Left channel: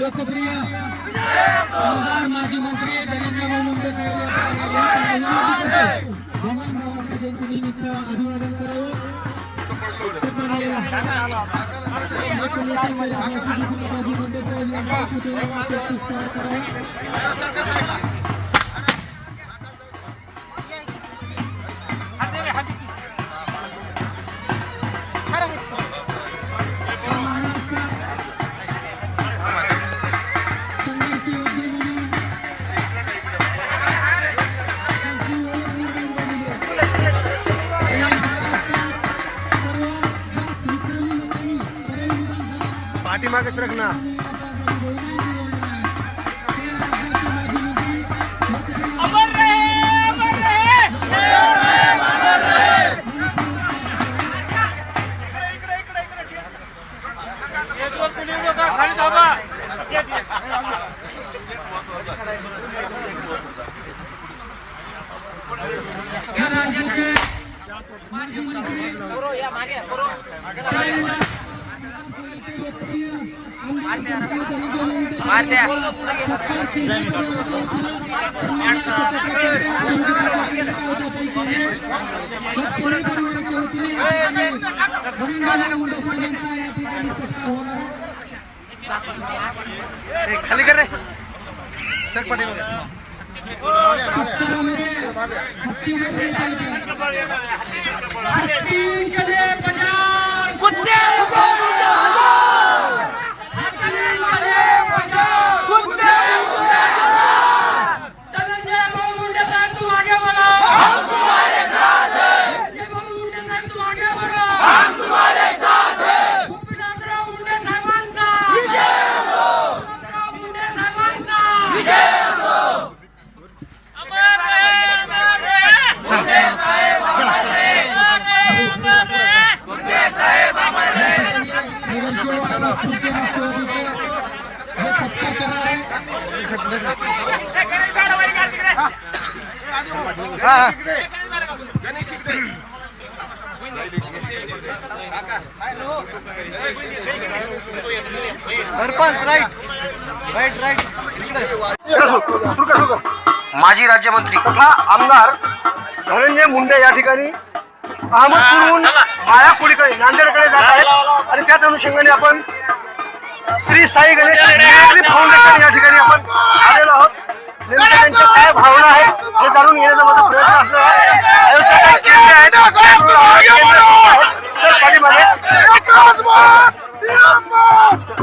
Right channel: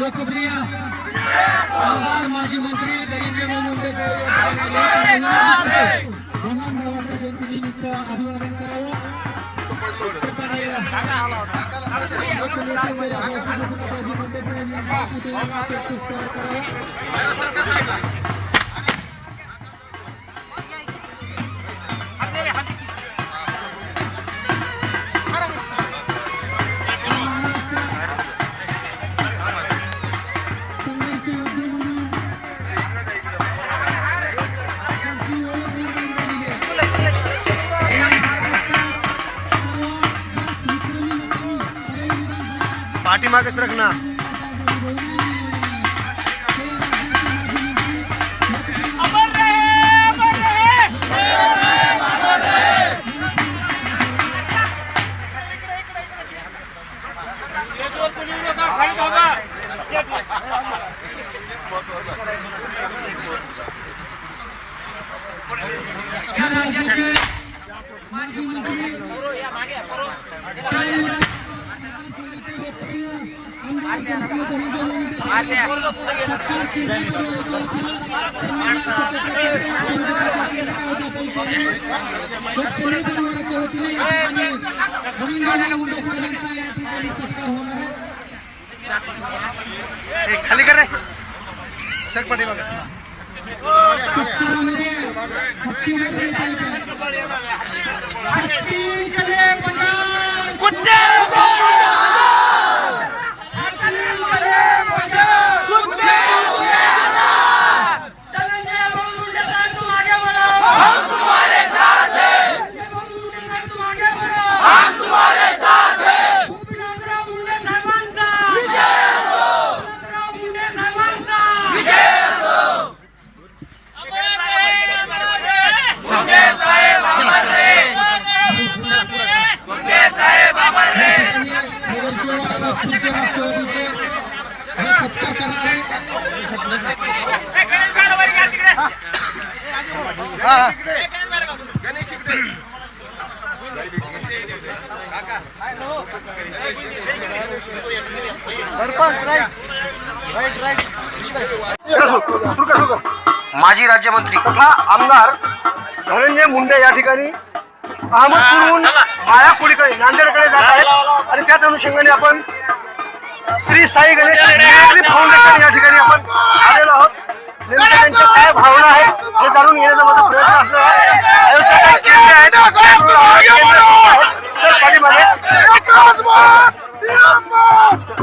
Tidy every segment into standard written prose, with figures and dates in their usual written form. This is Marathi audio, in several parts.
लोकप्रिय आमदार माजी मंत्री धनंजय मुंडे साहेब भगवान भावांना जयंतीनिमित्त अभिवादन करावं. माजी मुंडे साहेब यांच्या पुतळ्याला पुष्पहार करावा. पाठीमागे सरक ना. खाली कर रे सर पाटील माजी राज्यमंत्री तथा आमदार धनंजय मुंडे या ठिकाणी अहमदपूरहून मायापुरीकडे नांदेडकडे जात आहेत आणि त्याच अनुषंगाने आपण श्री साई गणेश फाउंडेशन या ठिकाणी आपण आलेलो आहोत. नेमकं त्यांच्या काय भावना आहेत हे जाणून घेण्याचा माझा प्रयत्न असणार आहे.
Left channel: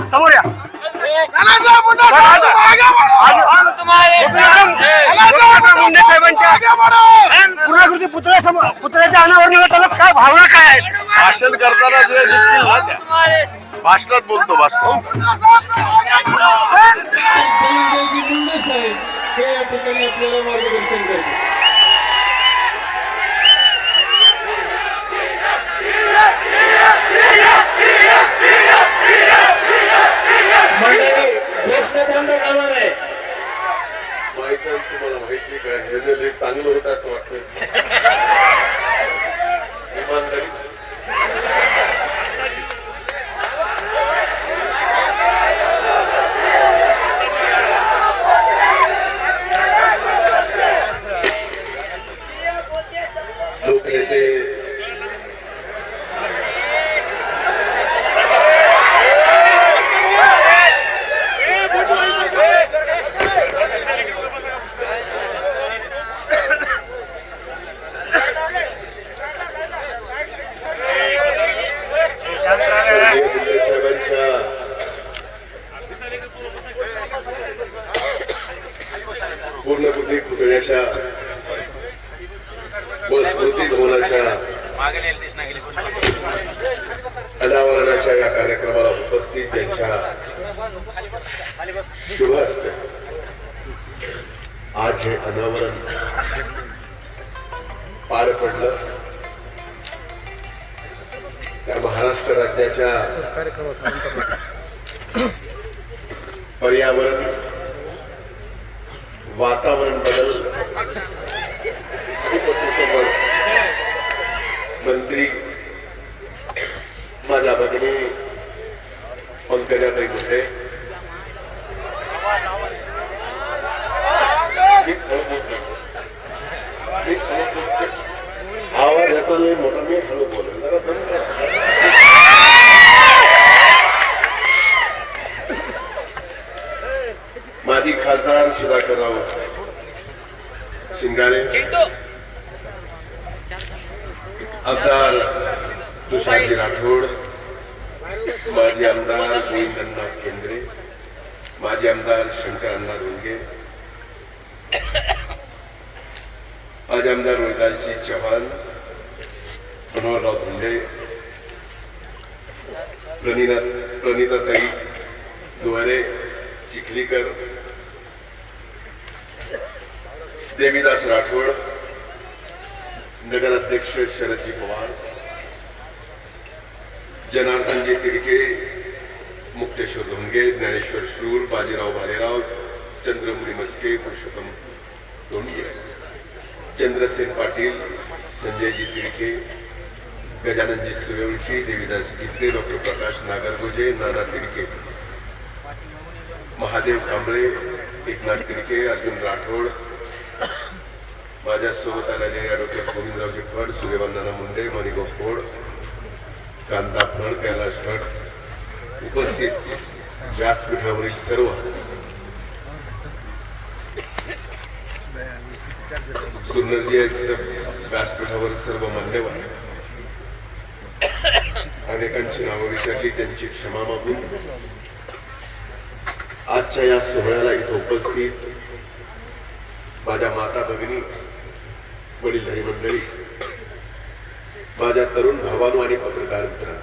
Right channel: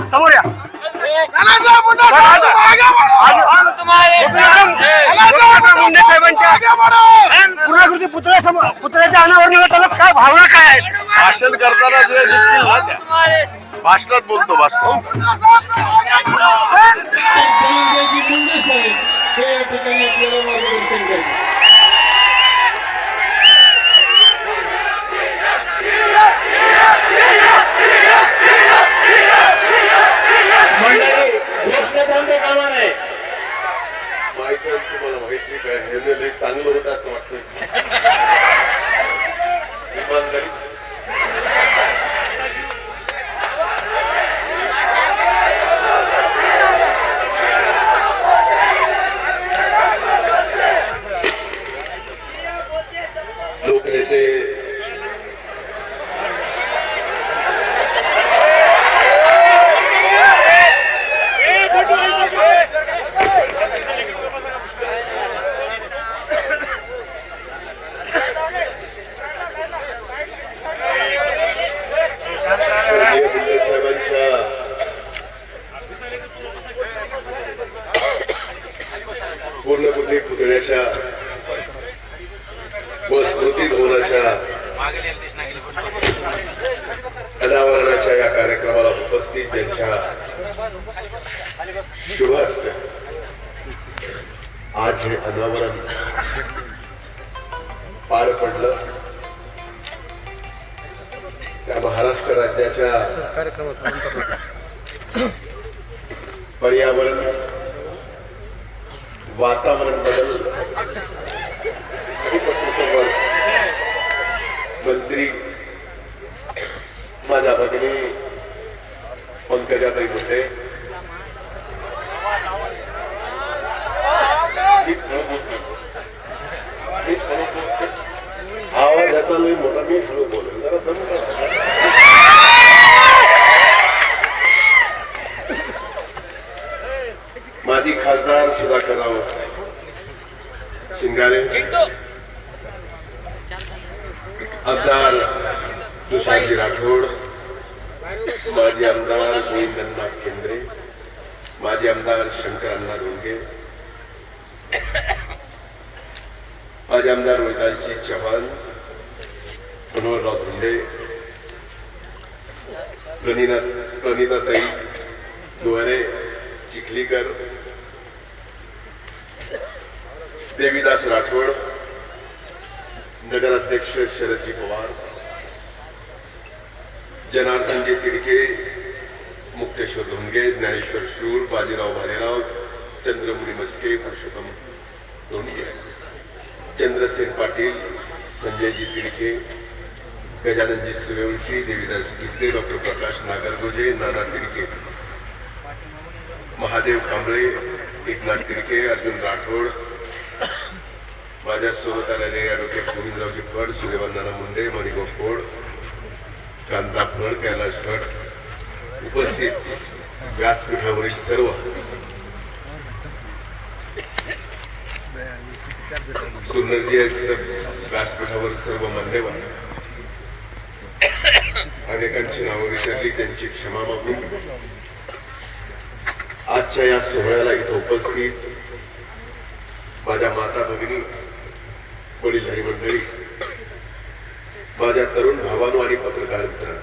समोर या. मुंडे साहेबांच्या पूर्णाकृती पुतळ्याच्या अनावरणाला त्याला काय भावना काय आहेत? भाषण करताना जे दिसतील ना त्या भाषणात बोलतो भाषण. पण तुम्हाला माहिती काय निर्णय लई चांगलं होत असं वाटतं. इमानदारी लोकनेते पूर्णकृती पुतळ्याच्या व स्मृती भवनाच्या अनावरणाच्या या कार्यक्रमाला उपस्थित त्यांच्या शुभ हस्ते आज हे अनावरण पार पडलं. तर महाराष्ट्र राज्याच्या पर्यावरण वातावरण बदल मंत्री माझ्या भगिनी पंकजाताई होते. आवाज येतो मी मोठा मी बोलून माजी खासदार सुधाकरराव शिंगाळे, आमदार तुषारजी राठोड, माजी आमदार गोविंदनाथ केंद्रे, माजी आमदार शंकरअण्णा धोंगे, माजी आमदार विकासजी चव्हाण, मनोहरराव धोंडे, प्रणिताताई गोरे चिखलीकर, देवीदास राठोड, नगराध्यक्ष शरदजी पवार, जनार्दनजी तिडके, मुक्तेश्वर धोंगे, ज्ञानेश्वर शूर, बाजीराव भालेराव, चंद्रपुरी मस्के, पुरुषोत्तम धोंगे, चंद्रसेन पाटील, संजयजी तिडके, गजाननजी सूर्यवंशी, देवीदास गिद्दे, डॉक्टर प्रकाश नागरगोजे, नाना तिडके, महादेव कांबळे, एकनाथ तिडके, अर्जुन राठोड, माझ्यासोबत आलेले ॲडव्होकेट गोविंदरावजी फड, सूर्यवंदना मुंडे, मणिभाऊ खोड, कांता फड, कैलाश भट, उपस्थित व्यासपीठावरील सर्व सुंदरजी व्यासपीठावर सर्व मान्यवर, अनेकांची नावं विसरली त्यांची क्षमा मागून आजच्या या सोहळ्याला इथं उपस्थित माझ्या माता भगिनी, वडीलधारी मंडळी, माझ्या तरुण भावांनो आणि पत्रकार मित्रांनो,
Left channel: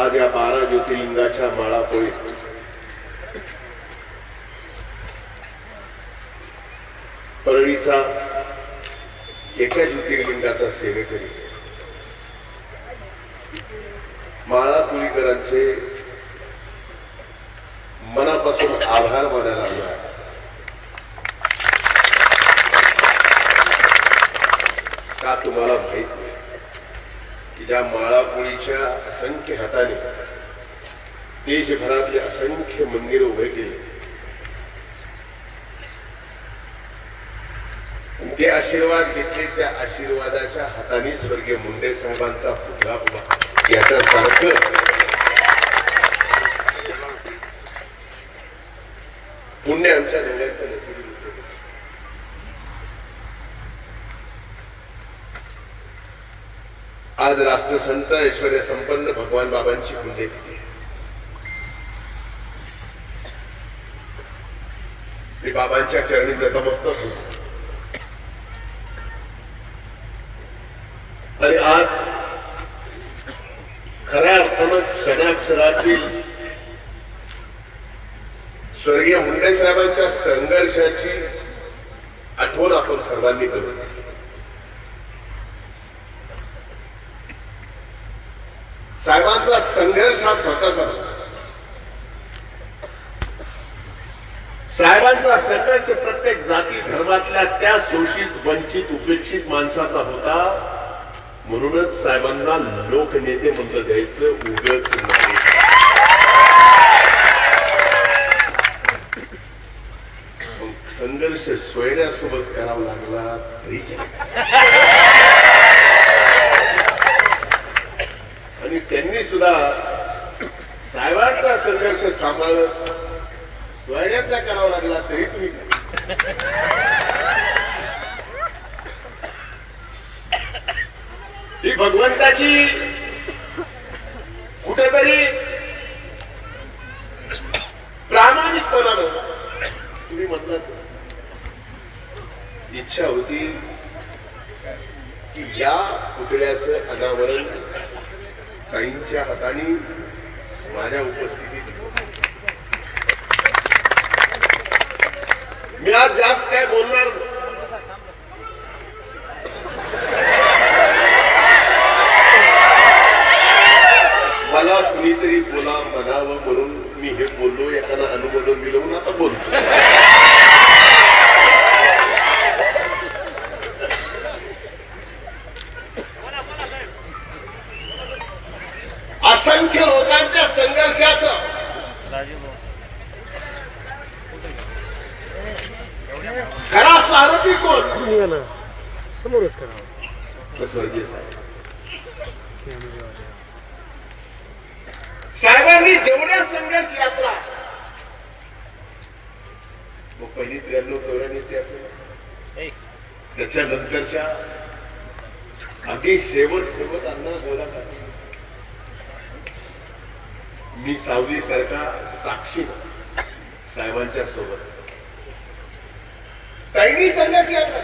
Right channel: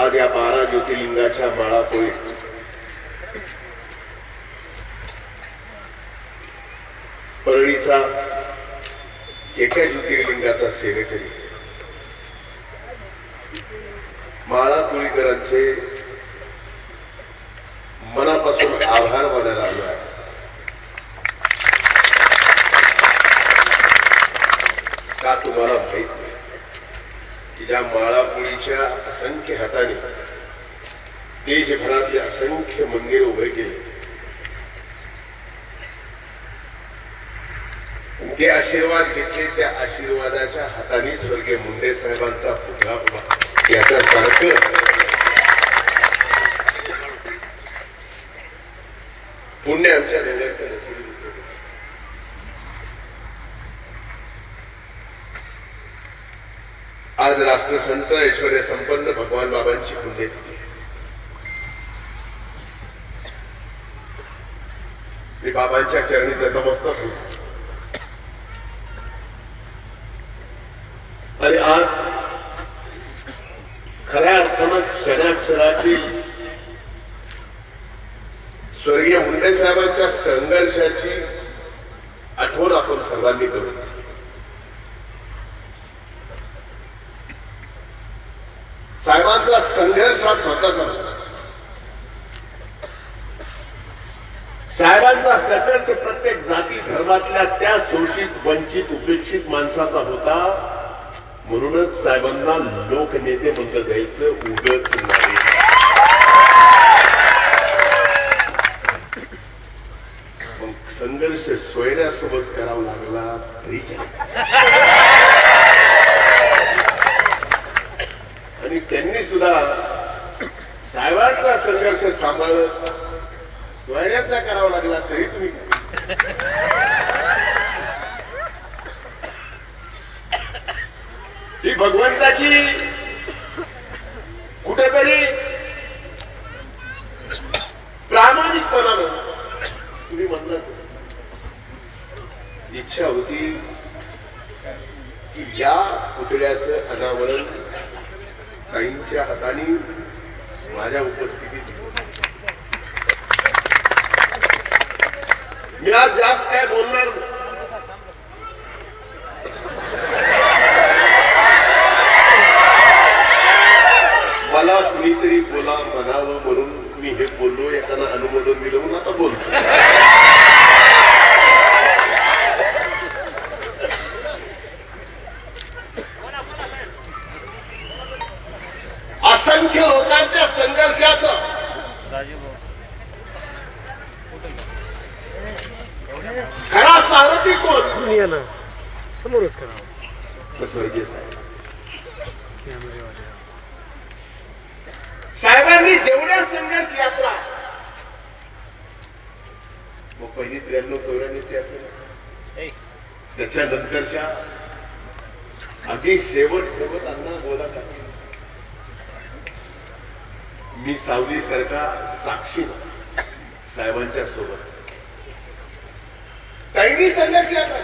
आज या 12 ज्योतिर्लिंगाच्या माळापोळीत परळीचा एका ज्योतिर्लिंगाचा सेवेकरी माळापोळीकरांचे मनापासून आभार मानायला लागला. का तुम्हाला माहित नाही की ज्या माळापोळीच्या असंख्य हाताने देशभरातले असंख्य मंदिर उभे केले, ते आशीर्वाद घेतले, त्या आशीर्वादाच्या हाताने स्वर्गीय मुंडे साहेबांचा पुतळा उभा याचा सारखं पुण्य आमच्या धन्याचं नशीब. आज राष्ट्रसंत ऐश्वर्य संपन्न भगवान बाबांची पुण्यतिथी. मी बाबांच्या चरणी नतमस्तक होतो. आणि आज खऱ्या अर्थानं क्षणाक्षणाची स्वर्गीय मुंडे साहेबांच्या संघर्षाची आठवण आपण सर्वांनी करू. साहेबांचा संघर्ष हा स्वतःचा, साहेबांचा संघर्ष प्रत्येक जाती धर्मातल्या त्या शोषित वंचित उपेक्षित माणसाचा होता. म्हणूनच साहेबांना लोकनेते म्हटलं जायचं उगाच नाही. संघर्ष सोयऱ्यासोबत करावा लागला तरी आणि त्यांनी सुद्धा साहेबांचा संघर्ष सांभाळत सोयऱ्याचा करावा लागला तरी तुम्ही ही भगवंताची कुठेतरी प्रामाणिकपणानं तुम्ही म्हणलं इच्छा होती की या पुतळ्याचं अनावरण ताईंच्या हाताने माझ्या उपस्थितीत. मी आज जास्त काय बोलणार नाही. मला कुणीतरी बोला म्हणावं म्हणून मी हे बोललो, एखादा अनुमोदन दिलं म्हणून आता बोलतो. असंख्य लोकांच्या संघर्षाचं खरा सारथी कोण? समोरच करावं. स्वर्गीय साहेब. साहेबांनी जेवढ्या संघर्ष यात्रा मग पहिली 93-94 असेल, त्याच्यानंतरच्या अगदी शेवट सोबत अण्णा गोरा मी सावली सारखा साक्षी साहेबांच्या सोबत ताईंनी संघर्ष यात्रा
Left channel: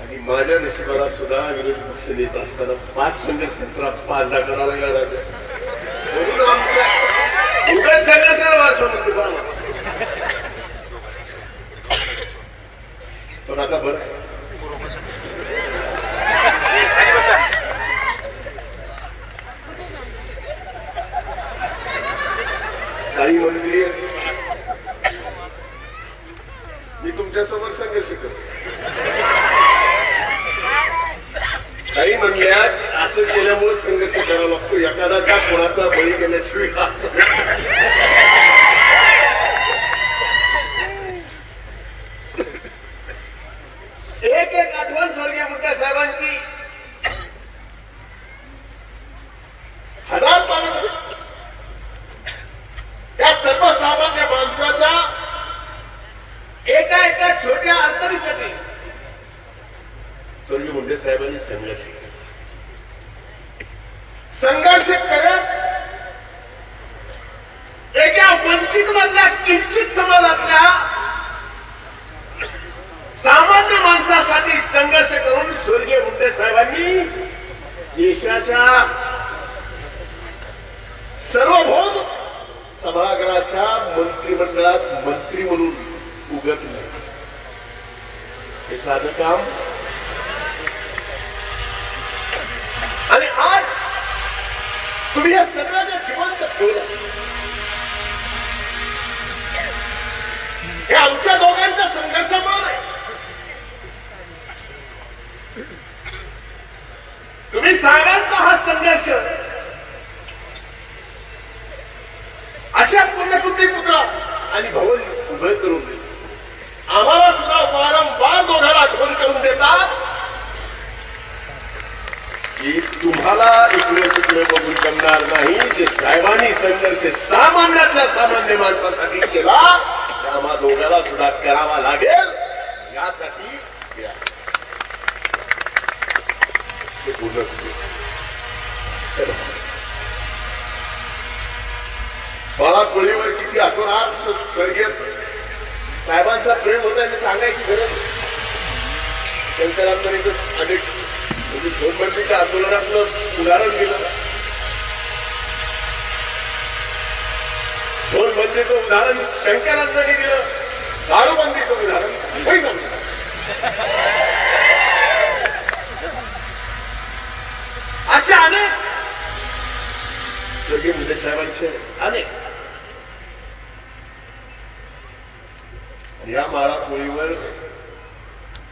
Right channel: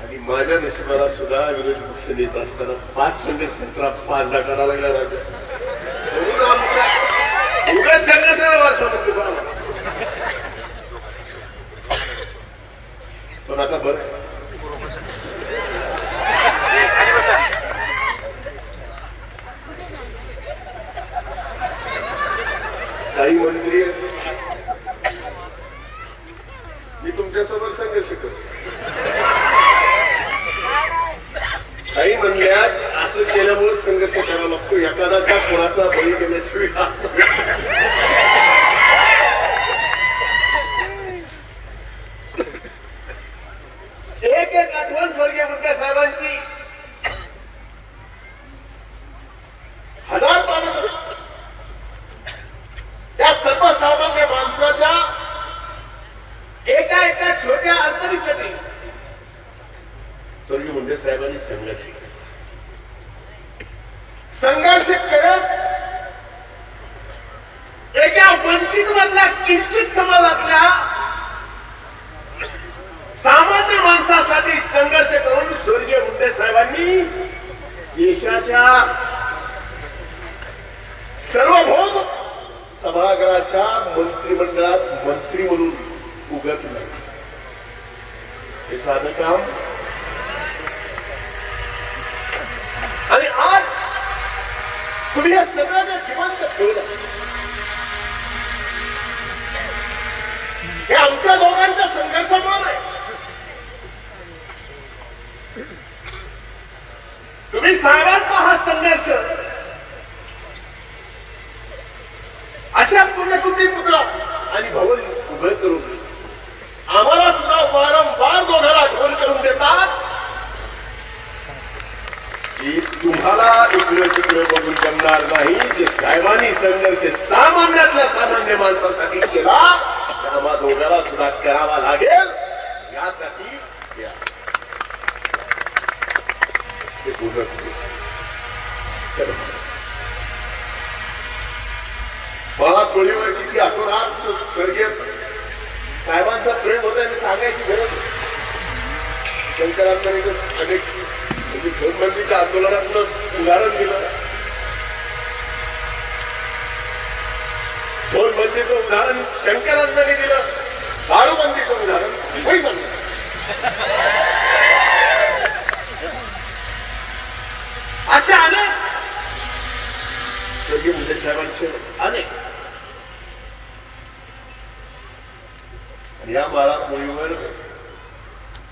आणि माझ्या नशिबाला सुद्धा विरोधी पक्ष नेता असताना 5 संघर्षात्रा 5 करायला लागला. म्हणून आमच्या एवढ्या संघर्षाला पण आता बरं काही मंत्री मी तुमच्यासमोर संघर्ष करतो. काही म्हणल्या असं केल्यामुळे संघर्ष करावा लागतो. एखादा कोणाचा बळी गेल्याशिवाय एक एक आठवण स्वर्गीय मुंडे साहेबांची हजार पानं त्या सर्वसामान्य माणसाच्या एका एका छोट्या अडचणीसाठी स्वर्गीय मुंडे साहेबांनी संघर्ष करत एका वंचित मधल्या किंचित समाजातल्या सामान्य माणसासाठी संघर्ष करून स्वर्गीय मुंडे साहेबांनी देशाच्या सर्वभौम सभागृहाच्या मंत्रिमंडळात मंत्री म्हणून उगाच नाही. हे साधं काम. आणि आज तुम्ही या सगळ्याच्या जिवंत ठेवलं. हे आमच्या दोघांच्या संघर्षामुळे तुम्ही साहेबांचा हा संघर्ष अशा पुण्यकृती पुत्र आणि भवन उभे करून आम्हाला सुद्धा वारंवार दोघांना आठवण करून देतात की तुम्हाला इकडे तिकडे बघून करणार नाही. जे साहेबांनी संघर्ष सामान्यातल्या सामान्य माणसासाठी केला त्याला दोघांना सुद्धा करावा लागेल. यासाठी मला पळीवर किती आपण आज स्वर्गीय साहेबांचा प्रेम होता आणि सांगायची गरज. शंकरांकडे अनेक झोनबंदीच्या आंदोलनातलं उदाहरण दिलं. झोनबंदीचं उदाहरण शंकरांकडे दिलं. दारूबंदीचं उदाहरण मुंबईत दिलं. अशा अनेक स्वर्गीय मुंडे साहेबांचे अनेक या माळापोळीवर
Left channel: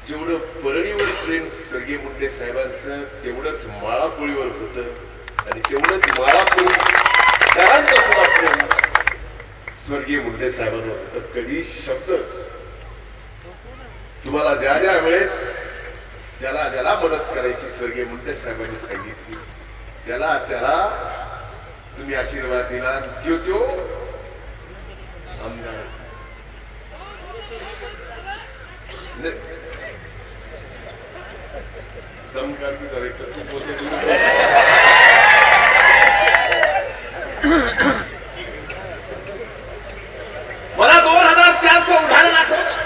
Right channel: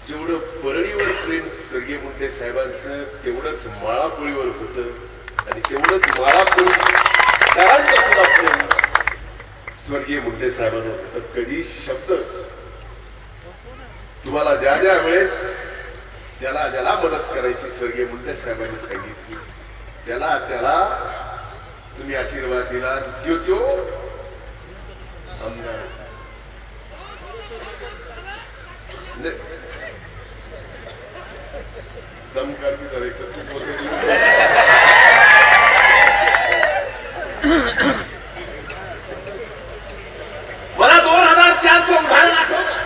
जेवढं परळीवर प्रेम स्वर्गीय मुंडे साहेबांचं तेवढंच माळापोळीवर होतं आणि तेवढंच माळापोळी करांचं सुद्धा प्रेम स्वर्गीय मुंडे साहेबांना होतं. कधी शब्द तुम्हाला ज्या ज्या वेळेस ज्याला ज्याला मदत करायची स्वर्गीय मुंडे साहेबांनी सांगितली त्याला त्याला तुम्ही आशीर्वाद दिला. तो आमदार दमकार भी करायचं. मला 2004चं उदाहरण आठवतं.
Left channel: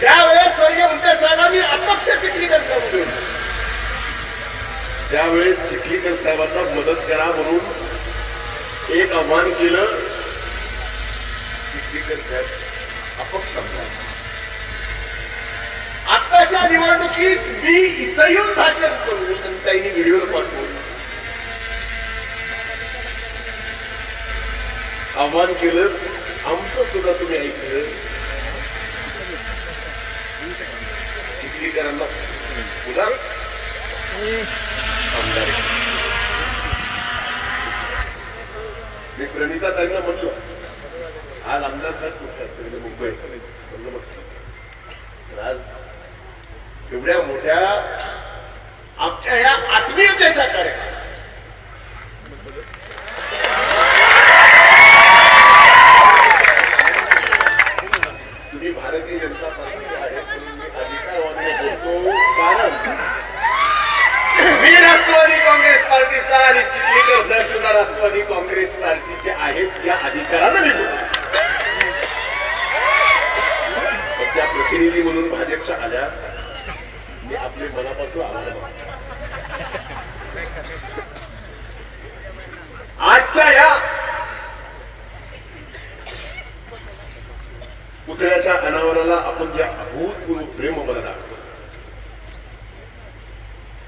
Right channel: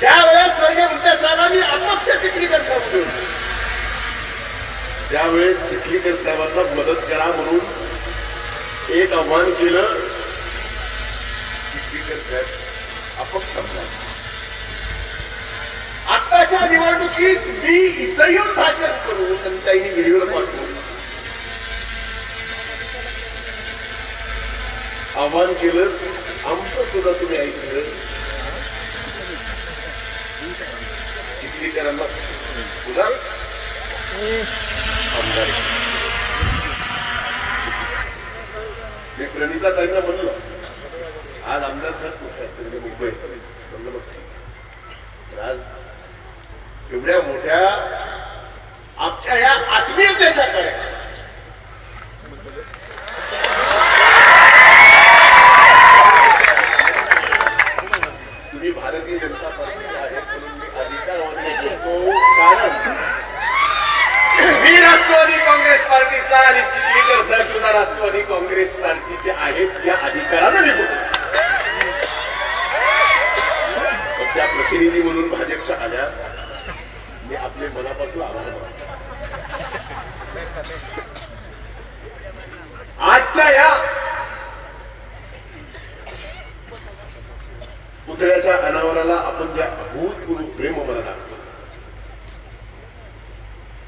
त्यावेळेस स्वर्गीय मुंडे साहेबांनी अपक्ष चिखलीकर साहेब त्यावेळेस चिखलीकर साहेबांना मदत करा म्हणून एक आव्हान केलं. चिखलीकर साहेब अपक्ष आमदार. आत्ताच्या निवडणुकीत मी इथं येऊन भाषण करू त्यांनी व्हिडिओ पाठवून आव्हान केलं. आमचं सुद्धा तुम्ही ऐकलं. चिखलीकरांना सुद्धा मी प्रणिता ताईंना म्हणलं आज आमदार मुंबई आज एवढ्या मोठ्या आमच्या या आत्मीयतेच्या कार्यक्रमात तुम्ही भारतीय जनता पार्टी आहे तुम्ही अधिकारवादी बोलतो कारण मी राष्ट्रवादी काँग्रेस पार्टीचा आणि चिखलीकर साहेब सुद्धा राष्ट्रवादी काँग्रेस पार्टीचे आहेत या अधिकारानं मी बोलतो. त्या प्रतिनिधी म्हणून भाजपच्या आल्या मी आपले मनापासून आभार. आजच्या या पुतळ्याच्या अनावराला आपण जे अभूतपूर्व प्रेम मला दाखवलं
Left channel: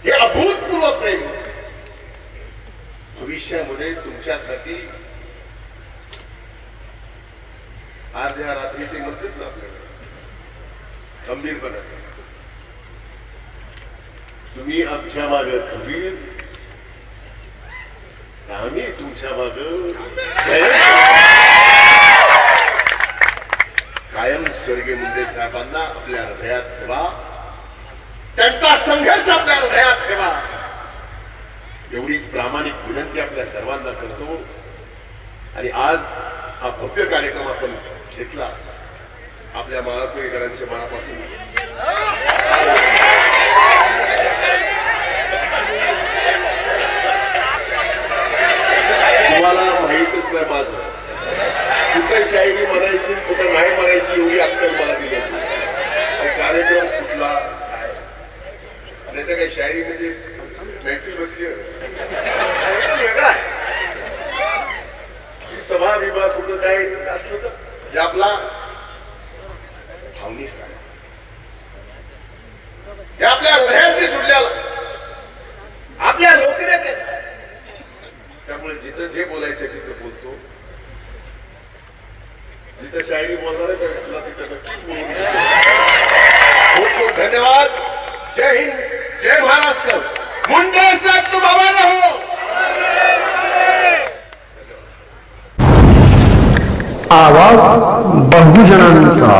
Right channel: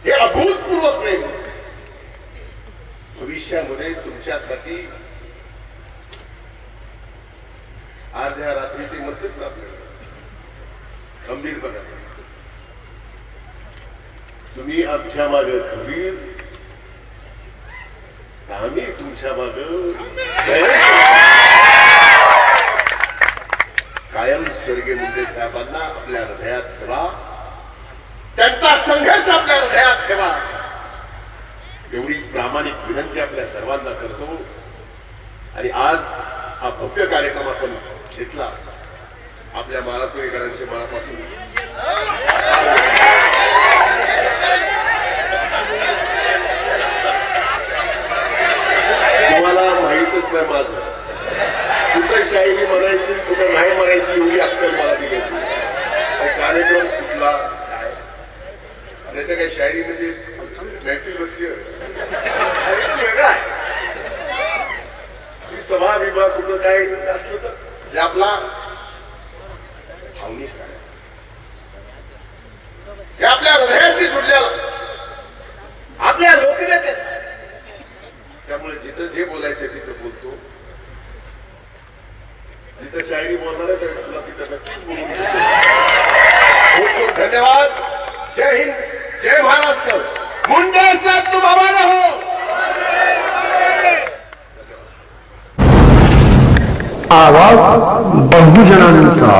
हे अभूतपूर्व प्रेम भविष्यामध्ये तुमच्यासाठी आज या रात्री ते म्हणतात ना आपल्याकडे गंभीरपणे तुम्ही आमच्या मागे खंबीर आम्ही तुमच्या मागे कायम स्वर्गीय मुंडे साहेबांना आपल्या हृदयात ठेवा. त्यांचा संघर्ष आपल्या हृदयात ठेवा एवढीच प्रामाणिक विनंती आपल्या सर्वांना करतो. आणि आज हा भव्य कार्यक्रम आपण घेतला आपल्या माळापोळीकरांच्या मनापासून तुम्हाला माहीतच नाही माझं कुठं शायरी म्हणायची कुठं नाही म्हणायची एवढी अक्कल मला दिली होती. कार्यक्रम सुटला नाही तर काही शायरी म्हणजे मॅक्सिल बसली वेगळा सभा विभाग कुठं काय असलं तर आपला हे आपल्या हृदयाशी जुडलेला आपल्या लोकनेते. त्यामुळे जिथं जे बोलायचं तिथं बोलतो. जिथं शायरी बोलणार तर तिथं नक्कीच बोलतो. खूप खूप धन्यवाद. जय हिंद जय महाराष्ट्र. मुंडे साहेब तुम हमारे हो. आवाज बहुजनांचा.